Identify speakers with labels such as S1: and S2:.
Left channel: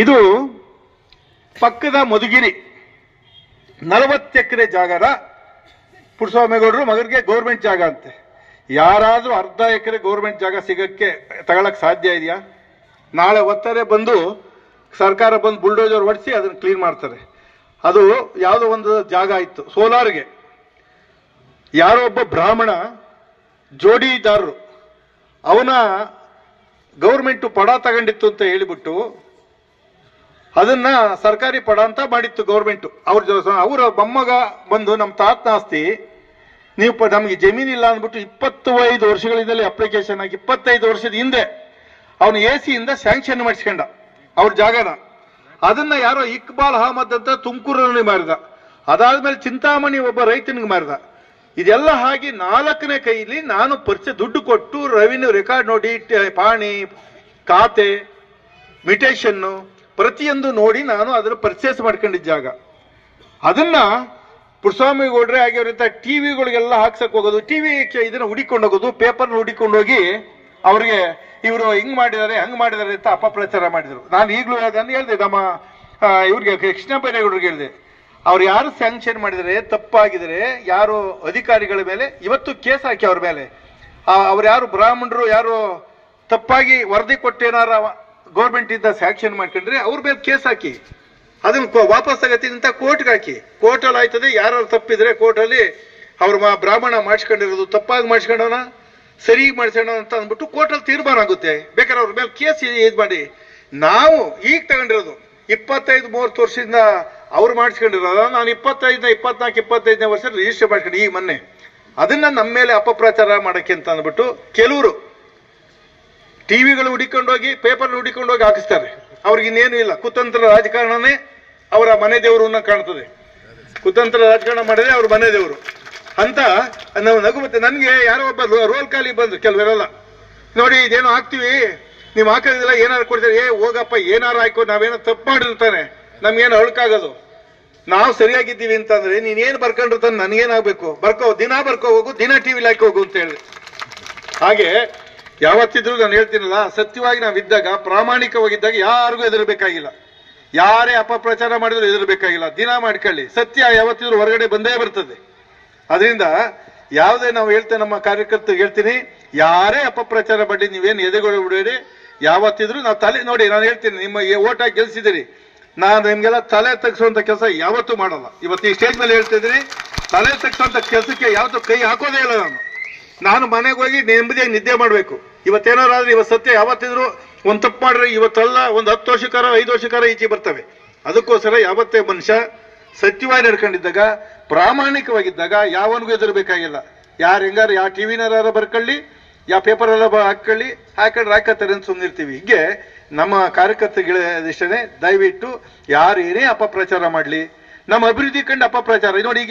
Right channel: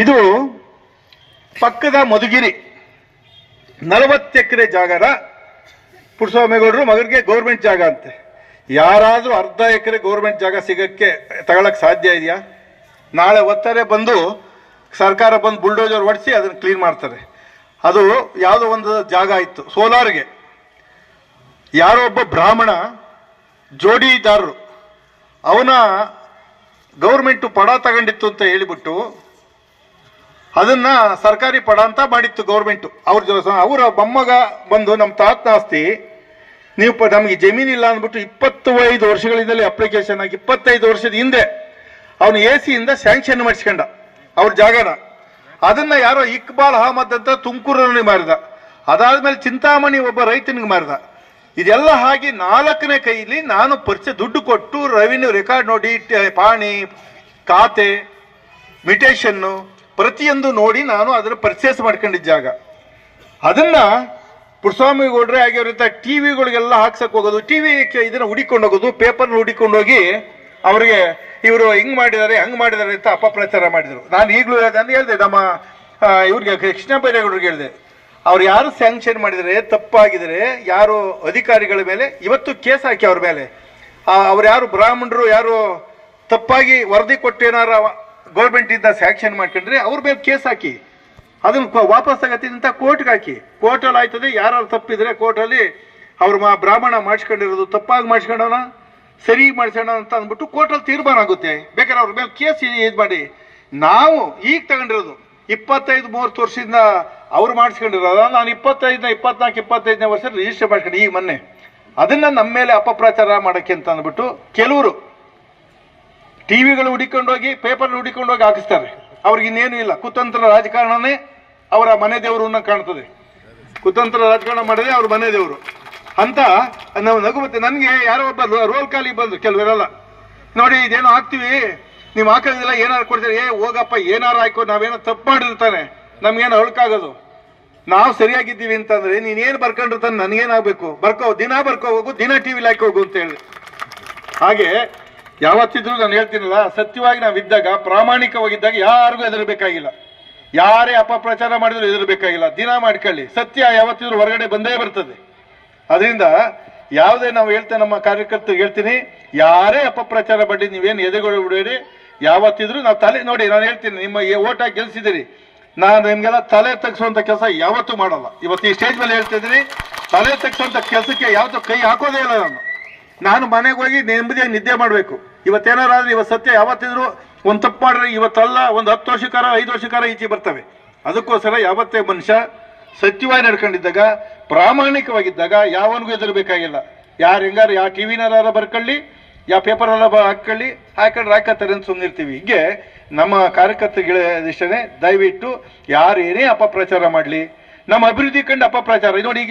S1: ಇದು ಪಕ್ಕದ ಮಧುಗಿರಿ. ನಲವತ್ತು ಎಕರೆ ಜಾಗದ ಪುಟ್ಟಸ್ವಾಮಿಗೌಡರು ಮಗನಿಗೆ ಗೌರ್ಮೆಂಟ್ ಜಾಗ ಅಂತೆ. ಯಾರಾದರೂ ಅರ್ಧ ಎಕರೆ ಗೌರ್ಮೆಂಟ್ ಜಾಗ ಸಿಗಕ್ಕೆ ತಗೊಳಕ್ ಸಾಧ್ಯ ಇದೆಯಾ? ನಾಳೆ ಒತ್ತಾರೆ ಬಂದು ಸರ್ಕಾರ ಬಂದು ಬುಲ್ಡೋಜರ್ ಹೊಡಿಸಿ ಅದನ್ನು ಕ್ಲೀನ್ ಮಾಡ್ತಾರೆ. ಅದು ಯಾವುದೋ ಒಂದು ಜಾಗ ಇತ್ತು ಸೋಲಾರ್ಗೆ. ಯಾರೋ ಒಬ್ಬ ಬ್ರಾಹ್ಮಣ ಜೋಡಿದಾರರು, ಅವನ ಗೌರ್ಮೆಂಟ್ ಪಡ ತಗೊಂಡಿತ್ತು ಅಂತ ಹೇಳಿಬಿಟ್ಟು ಅದನ್ನ ಸರ್ಕಾರಿ ಪಡ ಅಂತ ಮಾಡಿತ್ತು ಗೌರ್ಮೆಂಟ್. ಅವ್ರ ಅವರ ಮೊಮ್ಮಗ ಬಂದು ನಮ್ಮ ತಾತ ಆಸ್ತಿ, ನೀವು ನಮಗೆ ಜಮೀನಿಲ್ಲ ಅಂದ್ಬಿಟ್ಟು ಇಪ್ಪತ್ತೈದು ವರ್ಷಗಳಿಂದಲೇ ಅಪ್ಲಿಕೇಶನ್ ಆಗಿ, ಇಪ್ಪತ್ತೈದು ವರ್ಷದ ಹಿಂದೆ ಅವನು ಎ ಸಿಯಿಂದ ಸ್ಯಾಂಕ್ಷನ್ ಮಾಡಿಸ್ಕೊಂಡ ಅವ್ರ ಜಾಗನ. ಅದನ್ನ ಯಾರೋ ಇಕ್ಬಾಲ್ ಅಹಮದ್ ಅಂತ ತುಮಕೂರಲ್ಲಿ ಮಾರಿದ. ಅದಾದ್ಮೇಲೆ ಚಿಂತಾಮಣಿ ಒಬ್ಬ ರೈತನಿಗೆ ಮಾರಿದ. ಇದೆಲ್ಲ ಹಾಗೆ ನಾಲ್ಕನೇ ಕೈಲಿ ನಾನು ಪರಿಚಯ ದುಡ್ಡು ಕೊಟ್ಟು ರೆವಿನ್ಯೂ ರೆಕಾರ್ಡ್ ನೋಡಿ ಪಾಣಿ, ಖಾತೆ ಮಿಟೇಷನ್ನು ಪ್ರತಿಯೊಂದು ನೋಡಿ ನಾನು ಅದನ್ನು ಪರ್ಚೇಸ್ ಮಾಡ್ಕೊಂಡಿದ್ದ ಜಾಗ. ಅದನ್ನ ಪುರಸ್ವಾಮಿ ಗೌಡ್ರೆ ಟಿ ವಿಗಳಿಗೆಲ್ಲ ಹಾಕ್ಸಕ್ ಹೋಗೋದು, ಟಿ ವಿ ಇದನ್ನ ಹುಡಿಕೊಂಡು ಹೋಗೋದು ಪೇಪರ್ ಹುಡಿಕೊಂಡೋಗಿ ಅವರಿಗೆ ಇವರು ಹಿಂಗ್ ಮಾಡಿದ್ದಾರೆ, ಹಂಗ್ ಮಾಡಿದ್ದಾರೆ ಅಂತ ಅಪಪ್ರಚಾರ ಮಾಡಿದ್ರು. ನಾನು ಈಗಲೂ ನಾನು ಹೇಳ್ದೆ, ನಮ್ಮ ಇವ್ರಿಗೆ ಕೃಷ್ಣ ಬೈರೇಗೌಡರಿಗೆ ಹೇಳಿದೆ. ಅವ್ರು ಯಾರು ಸ್ಯಾಂಕ್ಷನ್ ಮಾಡಿದರೆ, ತಪ್ಪಾಗಿದ್ರೆ, ಯಾರು ಅಧಿಕಾರಿಗಳ ಮೇಲೆ, ಇವತ್ತು ಕೇಸ್ ಹಾಕಿ ಅವ್ರ ಮೇಲೆ. ಅವ್ರು ಯಾರು ಬ್ರಾಹ್ಮಣರು, ಯಾರು ತಪ್ಪಾಗಿ ವರದಿ ಕೊಟ್ಟು ಏನಾರ ಗೌರ್ಮೆಂಟ್ ಇಂದ ಸ್ಯಾಂಕ್ಷನ್ ಮಾಡ್ಕೊಂಡ್ರೆ ಅವ್ರ ಮೇಲೆ ಕೇಸ್ ಹಾಕಿ. ಅದನ್ನ ವಾಪಸ್ ತಗತ್ತೀನಿ ಅಂತ ಕೋರ್ಟ್ಗೆ ಹಾಕಿ. ಕೋರ್ಟಲ್ಲಿ ಆಯ್ತದೆ ಯಾರು ತಪ್ಪಿದ್ರೆ ಕೋರ್ಟಲ್ಲಿ ಅವ್ರ ಬ್ರಾಹ್ಮಣ ಮಾಡಿಸ್ಕೊಂಡಿರೋದು ತಪ್ಪಾಗಿ ಮಾಡಿಸ್ಕೊಂಡವನ ಸರಿ ಮಾಡಿಸೋಣ ಅಂತ ಅಂದ್ಬಿಟ್ಟು ಕೋರ್ಟಲ್ಲಿ ತೀರ್ಮಾನ ಆಗುತ್ತೆ. ಬೇಕಾದ್ರೆ ಅವ್ರ ಮೇಲೆ ಕೇಸ್ ಇದು ಮಾಡಿ. ನಾವು ಈಗ ತಗೊಂಡಿರೋದು ಇಪ್ಪತ್ತೈದು ಮೂವತ್ತು ವರ್ಷದಿಂದ ಅವ್ರು ಮಾಡಿಸ್ಕೊಂಡಿರೋದ. ನಾನು ಇಪ್ಪತ್ತೈದನೇ, ಇಪ್ಪತ್ನಾಲ್ಕು, ಇಪ್ಪತ್ತೈದನೇ ವರ್ಷ ರಿಜಿಸ್ಟರ್ ಮಾಡ್ಕೊಂಡು ಈ ಮೊನ್ನೆ. ಅದನ್ನ ನಮ್ಮ ಮೇಲೆ ಅಪಪ್ರಚಾರ ಮಾಡಕ್ಕೆ ಅಂತ ಅಂದ್ಬಿಟ್ಟು ಕೆಲವರು ಟಿವಿಗಳು ಹುಡಿಕೊಂಡೋಗಿ ಪೇಪರ್ ಹುಡಿಕೊಂಡೋಗಿ ಹಾಕಿಸ್ತಾರೆ. ಅವ್ರಿಗೆ ಇನ್ನೇನು ಇಲ್ಲ. ಕುತಂತ್ರ ರಾಜಕಾರಣನೇ ಅವರ ಮನೆ ದೇವರು ಕಾಣ್ತದೆ. ಕುತಂತ್ರ ರಾಜಕಾರಣ ಮಾಡಿದ್ರೆ ಅವ್ರ ಮನೆ ದೇವರು. ಅಂತ ನಾವು ನಗು ಮತ್ತೆ ನನಗೆ ಯಾರೋ ಒಬ್ಬ ರೋಲ್ ಕಾಲಿ ಬಂದ್ರು, ಕೆಲವರೆಲ್ಲ. ನೋಡಿ, ಇದೇನೋ ಹಾಕ್ತಿವಿ. ನೀವು ಹಾಕೋದಿಲ್ಲ ಏನಾರು ಕೊಡ್ತೀರಿ? ಏ, ಹೋಗಪ್ಪ, ಏನಾರು ಹಾಕೋ, ನಾವೇನೋ ತಪ್ಪು ಮಾಡಿರ್ತಾನೆ. ನಮ್ಗೇನು ಅಳ್ಕಾಗೋದು? ನಾವು ಸರಿಯಾಗಿದ್ದೀವಿ ಅಂತಂದ್ರೆ ನೀನೇನು ಬರ್ಕೊಂಡಿರ್ತಾನೆ ನನಗೇನಾಗಬೇಕು? ಬರ್ಕೋ, ದಿನ ಬರ್ಕೋ, ಹೋಗು, ದಿನ ಟಿವಿ ಹಾಕಿ ಹೋಗು ಅಂತ ಹೇಳಿ ಹಾಗೆ ಯಾವತ್ತಿದ್ರೂ ನಾನು ಹೇಳ್ತೀನಲ್ಲ, ಸತ್ಯವಾಗಿ ನಾವಿದ್ದಾಗ ಪ್ರಾಮಾಣಿಕವಾಗಿದ್ದಾಗ ಯಾರಿಗೂ ಹೆದರ್ಬೇಕಾಗಿಲ್ಲ. ಯಾರೇ ಅಪಪ್ರಚಾರ ಮಾಡಿದ್ರು ಹೆದರ್ಬೇಕಾಗಿಲ್ಲ. ದಿನ ಮಾಡ್ಕೊಳ್ಳಿ. ಸತ್ಯ ಯಾವತ್ತಿದ್ರೂ ಹೊರಗಡೆ ಬಂದೇ ಬರ್ತದೆ. ಅದರಿಂದ ಯಾವುದೇ ನಾವು ಹೇಳ್ತೇವೆ ನಮ್ಮ ಕಾರ್ಯಕರ್ತರು ಹೇಳ್ತೀನಿ, ಯಾರೇ ಅಪಪ್ರಚಾರ ಮಾಡಿ ನೀವೇನು ಎದೆಗಳು ಯಾವತ್ತಿದ್ರೂ ನಾವು ತಲೆ, ನೋಡಿ, ನಾನು ಹೇಳ್ತೀನಿ, ನಿಮ್ಮ ಓಟ್ ಹಾಕಿ ಗೆಲ್ಸಿದ್ದೀರಿ. ನಾನು ನಿಮ್ಗೆಲ್ಲ ತಲೆ ತಗ್ಸುವಂತ ಕೆಲಸ ಯಾವತ್ತೂ ಮಾಡಲ್ಲ. ಇವತ್ತು ಈ ಸ್ಟೇಜ್ ಮೇಲೆ ಹೇಳ್ತಾ ತಲೆ ತಗ್ಸುವಂತ ಕೆಲಸಕ್ಕೆ ಯಾವತ್ತೂ ಕೈ ಹಾಕೋದೇ ಇಲ್ಲ ನಾನು. ನಾನು ಮನೆಗೆ ಹೋಗಿ ನೆಮ್ಮದಿಯಾಗಿ ನಿದ್ದೆ ಮಾಡಬೇಕು. ಇವತ್ತೇನಾರು ಆದ್ರೆ ಇವತ್ತು ಸತ್ಯ ಯಾವತ್ತಿದ್ರು ಒಂದು ತಪ್ಪು ಮಾಡ್ರೆ ಇವತ್ತಲ್ಲ, ಒಂದು ಹತ್ತು ವರ್ಷಕ್ಕಾರ ಐದು ವರ್ಷಕ್ಕಾರ ಈಚೆ ಬರ್ತವೆ. ಅದಕ್ಕೋಸ್ಕರ ಯಾವತ್ತೇ ಮನುಷ್ಯ ಸತ್ಯವಾಗಿ ನಡ್ಕೊಂಡಿದ್ದಾಗ, ಪ್ರಾಮಾಣಿಕವಾಗಿದ್ದಾಗ ಯಾವನಿಗೂ ಎದುರಬೇಕಾಗಿಲ್ಲ ಯಾರು ಹೆಂಗಾರು ಯಾವ ಟಿವಿನಾರ ಬರ್ಕೊಳ್ಳಿ ಯಾವ ಪೇಪರ್ ಎಲ್ಲ ಹಾಕೊಳ್ಳಿ, ಹಾಕೊಂಡ್ರೆ ಹಾಕತ್ತಾರೆ ಅಂತ ಸುಮ್ಮನಿರ್ತೀವಿ ಹೀಗೆ ನಮ್ಮ ಕಾರ್ಯಕರ್ತರಿಷ್ಟೇ ದಯವಿಟ್ಟು ಯಾರೇನೇ ಅಪಪ್ರಚಾರ ಮಾಡಲಿ ನಮ್ಮ ಅಭಿವೃದ್ಧಿ ಕಂಡು ಅಪಪ್ರಚಾರ. ನೋಡಿ